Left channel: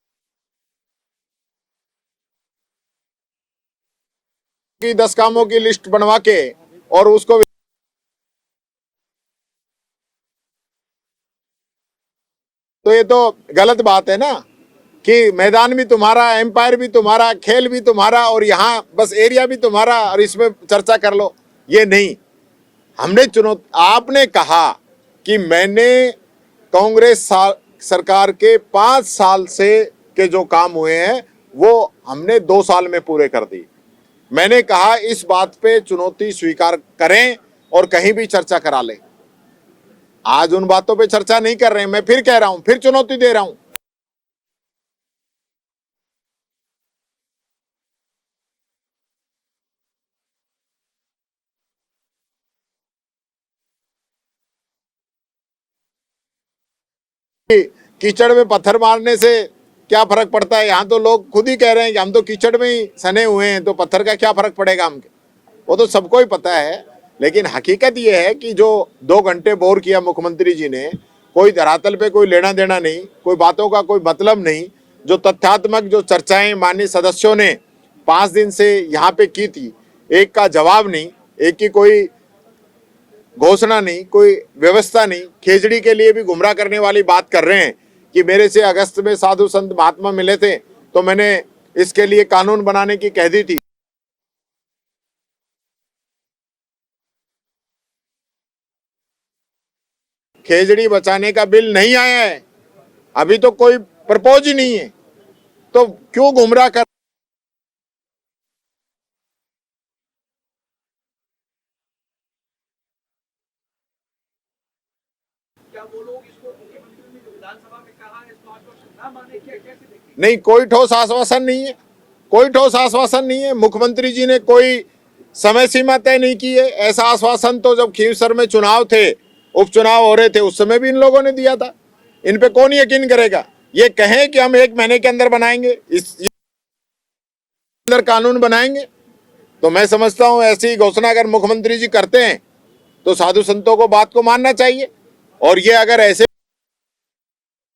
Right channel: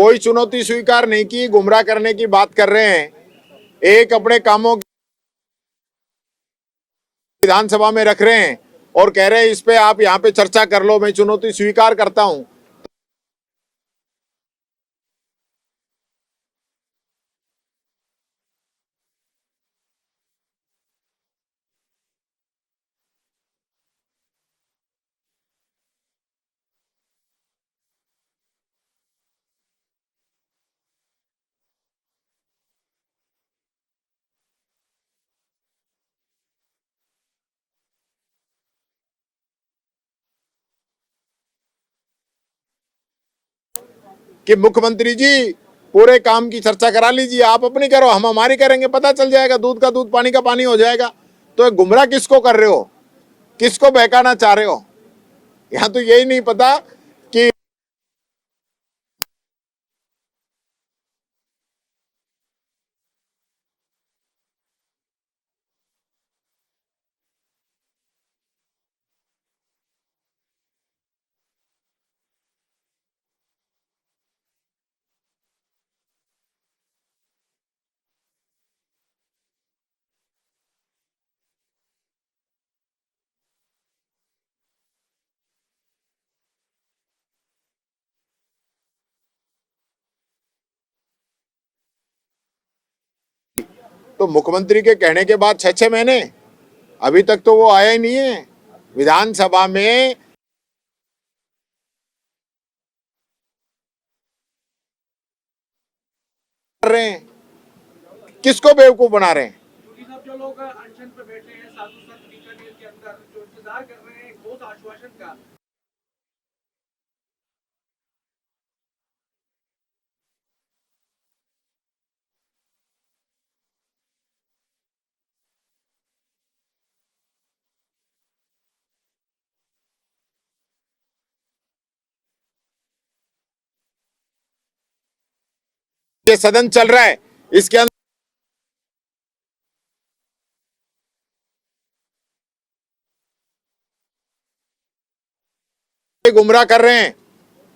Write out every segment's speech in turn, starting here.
कोई चुनौती स्वीकार नहीं की, गुमराह करने की बात कर रहे हैं। एक अपने कामों की 10 कामों की लिस्ट बनवा के और उसको विधानसभा में रख रहे हैं और कह रहे हैं इस पे आप यहाँ पे चर्चा कर लो, मैं चुनौती स्वीकार करता हूं। तो ये तो गलत बात है ना कि मैदान भी तुम्हारा, एम्पायर भी तुम्हारा, खेल भी तुम्हारा और यहाँ बस एरिया भी तुम्हारा और इसमें चर्चा कर लो। ये नहीं, हमने चुनौती, आपने कहा कि मैंने कांग्रेस सरकार के 5 साल से के जो काम हुए हैं वो हमने 2 साल में पूरे कर दी। मैंने कहा इस बात पे चुनौती स्वीकार करें और कहीं भी चर्चा करा लें। आज उन बातों पे चर्चा नहीं कर रहे हैं। मैं फिर कह रहा हूं, फिर चुनौती दे रहा हूं कि मुख्यमंत्री जी पूरे काम की चर्चा करा लीजिए, आप अपनी करो, हम हमारी करेंगे, पता चल जाएगा, दूध का दूध पानी का पानी हो जाएगा। तो गुमराह किसको कर रहे हो, किसको बहकाना चाह रहे हो? यहाँ तो यही नहीं पता कि कीचड़ में पत्थर मारने से क्या फर्क पड़ता है। यहाँ तो लोग खुद ही कह रहे हैं कि हम तो कीचड़ में ही सने हुए हैं, तो पत्थर का क्या फर्क पड़ेगा हमके, वो तो सबको ही पता है। लेकिन हकीकत ये है कि जो 2 घंटे बोर किया मुख्यमंत्री जी ने, कोई धरातल पे कोई लेना देना नहीं, कोई बातों का कोई मतलब नहीं। जो तथ्यात्मक जो चर्चाएं माननीय सदस्यों ने 5 दिन से यहाँ पे की थी, एक का जवाब नहीं, एक की कोई घोषणा नहीं, कोई व्यवस्था नहीं। खेजड़ी के लिए भी गुमराह करने वाली बात कर रहे हैं कि मेरे से अगस्त में साधु संत महात्मा मिले थे तो मैंने इसके लिए कानून बनाने की कह दी थी। तो मुख्यमंत्री के कहने के बाद 6-6 महीने अभी तक तो वो आया ही नहीं है। विधानसभा में खेजड़ी बचाने का बिल नहीं आया है, अभी तो कोई प्रपोज ही नहीं है। तो क्यों गुमराह कर रहे हैं, किसको बेवकूफ बना रहे हैं? जो लोग अनशन पे बैठे हैं साधु संत बीकानेर के अंदर जो इंतजार कर रहे हैं ठोस आश्वासन का, क्या वो लोग इसको मुख्यमंत्री ने जो विधानसभा में कहा है इसको आश्वासन ना माने, क्या कैसे देखेंगे? नहीं, कोई ठोस आश्वासन नहीं है, कोई ठोस आश्वासन नहीं है। मुख्यमंत्री जी ने कोई समय सीमा तय नहीं की है। ऐसा आश्वासन तो जब खींवसर में चुनाव थे, उपचुनाव हो रहे थे, उस समय भी इन लोगों ने दिया था। इन पे कौन यकीन करेगा? ये कहें कि हम 1 महीने के अंदर बनाएंगे, ये सदन चल रहा है, इसके अंदर कानून बनाएंगे, तो मैं समझता हूं ऐसी घोषणा अगर मुख्यमंत्री जी करते हैं तो साधु संतों को बात को मानना चाहिए। और ये अगर ऐसे ही गुमराह कर रहे हैं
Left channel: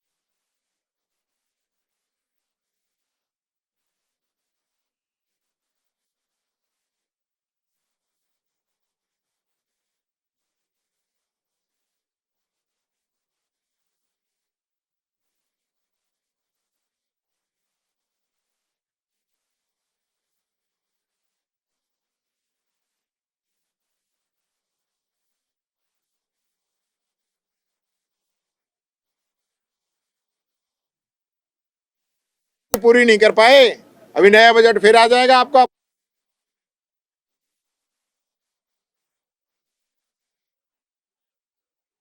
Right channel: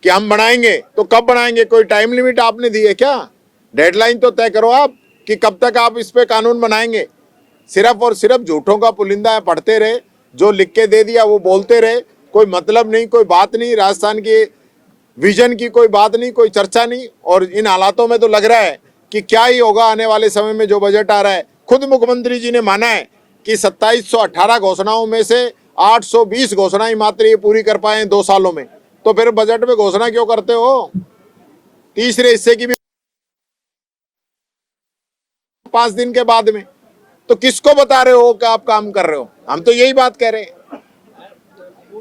कि हम बनाएंगे, तो कब बनाएंगे? कोई टाइम लिमिट आपने दी है क्या? डेडलाइन तो तय करो आप कि कब तक आप इस पे कानून बनाएंगे। सिर्फ और सिर्फ झूठों का पुलिंदा पढ़ते रहे, जो लिख के दे दिया वो बोलते रहे, कोई मतलब नहीं, कोई बात नहीं, राजस्थान के विजन की कोई बात नहीं, कोई चर्चा नहीं। और इन हालातों में तो लग रहा है कि क्या ही होगा आने वाले समय में। जो बजट आ रहा है, खुद मुख्यमंत्री जी ने माना है कि 2718 घोषणाओं में से 820 घोषणाएं मात्र ये पूरी कर पाए 2 सालों में। तो फिर बजट में घोषणा क्यों करते हो? तीसरे हिस्से की भी पूरी नहीं कर पाए। अभी नया बजट फिर आ जाएगा आपका 5 दिन के बाद में। तो किसको बता रहे हो कि आप काम कर रहे हो? हम तो यही बात कह रहे हैं।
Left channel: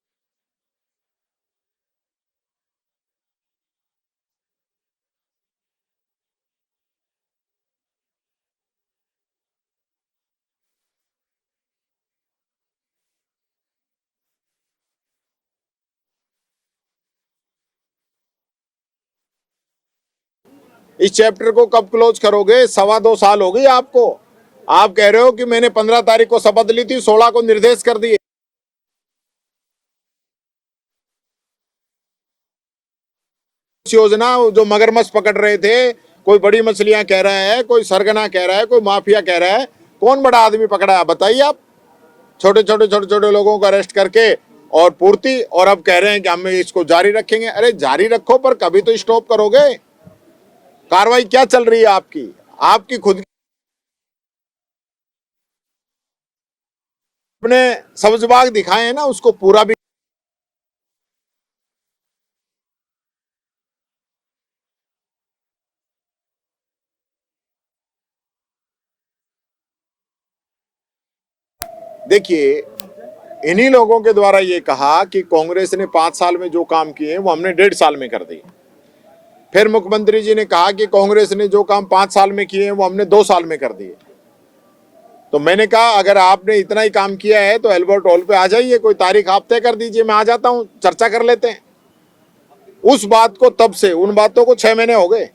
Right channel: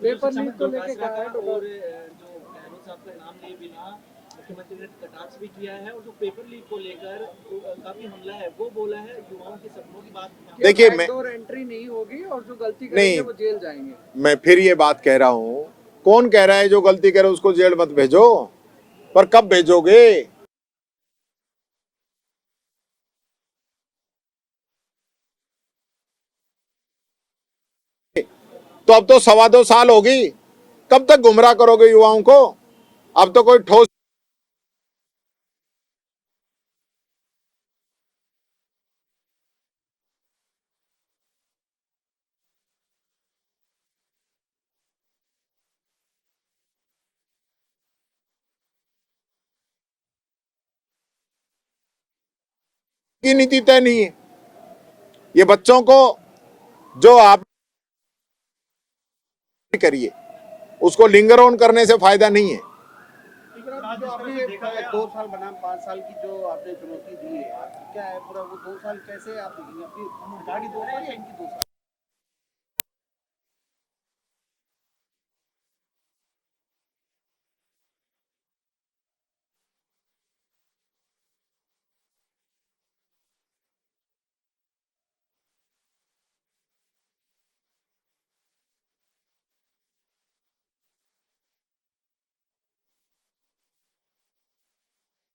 पेपर लीक को लेके कहा है और जो गहलोत साहब का नाम लिए बिना मुख्यमंत्री ने कटाक्ष भी किया है, और जो पेपर लीक को लेकर काफी हमला है वो बोला है युवाओं के सपनों की बात। देखिए, मैं और एंट्री नहीं होगी और जो गलती करेंगे वो जेल जाएंगे। मैं फिर ये बात कह रहा हूँ, कौन कह रहा है जो गलती करे उसको जेल मत भेजो? पर कब भेजोगे? इस चैप्टर को कब क्लोज करोगे? 2.25 साल हो गई आपको। आप कह रहे हो कि मैंने 15 तारीख को शपथ ली थी, 16 को निर्देश कर दिए, तो अब तो 2.25 साल हो गई। कब तक गुमराह करोगे युवाओं को? अब तो कोई ठोस योजना, जो मगरमच्छ पकड़ रहे थे, कोई बड़ी मछलियां कह रहा है, कोई सरगना कह रहा है, कोई माफिया कह रहा है, कौन बड़ा आदमी पकड़ा है बताइए आप? छोटे छोटे लोगों को अरेस्ट करके और पूर्ति, और अब कह रहे हैं कि हम इसको जारी रखेंगे। अरे जारी रखो, पर कभी तो स्टॉप करोगे। कार्रवाई क्या चल रही है आपकी? आपकी खुद की नीति तय नहीं है। ये बच्चों को जो आपने सब्ज बाग दिखाए हैं ना, उसको पूरा भी करिए, उसको लिंगर ऑन करने से फायदा नहीं है। जो आपने 2 साल बनाम 5 साल की जो आपने चुनौती दी है, क्या है पूरा वो 2 साल कैसे आप देखेंगे? अपनी गाड़ी 2 साल या इनकी 2 साल? देखिए, इन्हीं लोगों के द्वारा ये कहा कि कांग्रेस ने 5 साल में जो काम किए वो हमने 1.5 साल में कर दिए। फिर मुख्यमंत्री जी ने कहा कि कांग्रेस ने जो काम 5 साल में किए वो हमने 2 साल में कर दिए। तो मैंने कहा अगर आपने इतना ही काम किया है तो एल्बर्ट हॉल पे आ जाइए, कोई तारीख आप तय कर दीजिए, मैं आ जाता हूं, चर्चा कर लेते हैं। उस बात को तब से, उन बातों को 6 महीने हो गए,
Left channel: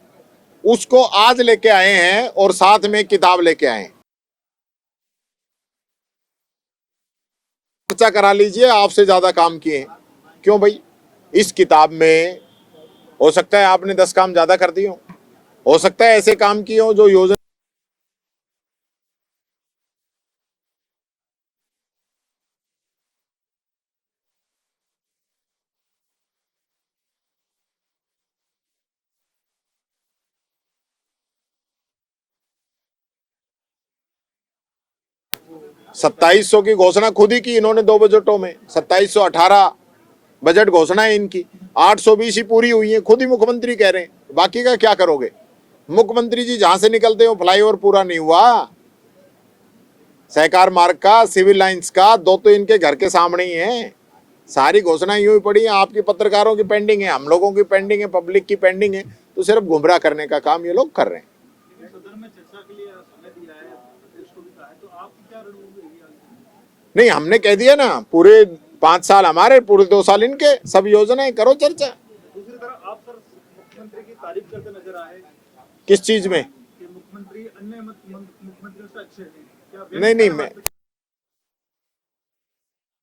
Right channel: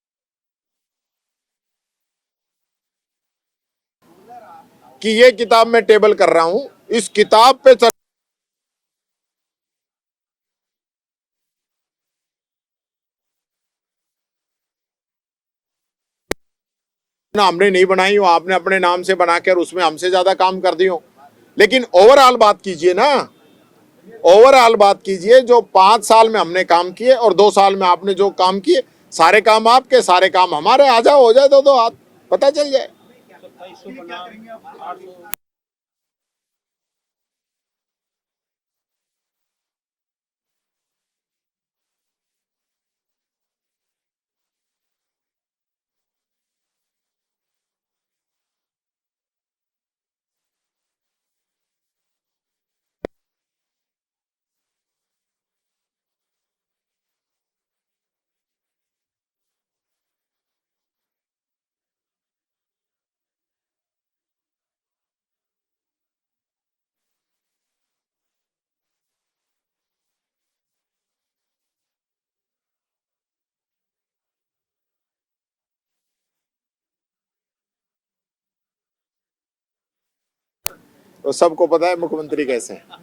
उसको आज लेके आए हैं और साथ में किताब लेके आए हैं कि ये किताब मैं टेबल कर रहा हूं, इस किताब पे चर्चा करा लीजिए, आपसे ज्यादा काम किए हैं। क्यों भाई? इस किताब में हो सकता है आपने 10 काम ज्यादा कर दिए हो सकता है ऐसे काम किए हो जो योजना हमने नहीं बनाई हो, आपने अपने नाम से बनाकर उसमें हमसे ज्यादा काम कर दिए हो। लेकिन ओवरऑल बात कीजिए ना, ओवरऑल बात कीजिए। जो 5 साल में हमने काम किए और 2 साल में आपने जो काम किए, सारे काम आपके, सारे काम हमारे। आ जाओ, हो जाए दो हाथ, पता चल जाए। 2700 की घोषणा खुद ही की इन्होंने 2 बजटों में। 2718 बजट घोषणा है इनकी, 820 ही पूरी हुई है, खुद ही मुख्यमंत्री कह रहे हैं। बाकी का क्या करोगे? मुख्यमंत्री जी जहां से निकलते हो फ्लाईओवर पूरा नहीं हुआ, सहकार मार्ग का, सिविल लाइंस का, 2 तो इनके घर के सामने ही है। सारी घोषणा यूं ही पड़ी है। आपकी पत्रकारों की पेंडिंग है, हम लोगों की पेंडिंग है, पब्लिक की पेंडिंग है। तो सिर्फ गुमराह करने का काम ये लोग कर रहे हैं। सदन में चर्चा के लिए समय दिया है, अध्यक्ष को भी कहा है, तो आपकी क्या रणनीति रहेगी आगे? नहीं, हमने कह दिया ना, पूरे 5 साल हमारे, पूरे 2 साल इनके, सब योजनाएं करो चर्चा। दूसरी तरफ आप सर मुख्यमंत्री की तारीफ करते नजर आए किस चीज में? कि मुख्यमंत्री अन्य मुख्यमंत्रियों से अच्छे हैं, क्या नहीं, मैं तो सबको पता है मुख्यमंत्री कैसे हैं।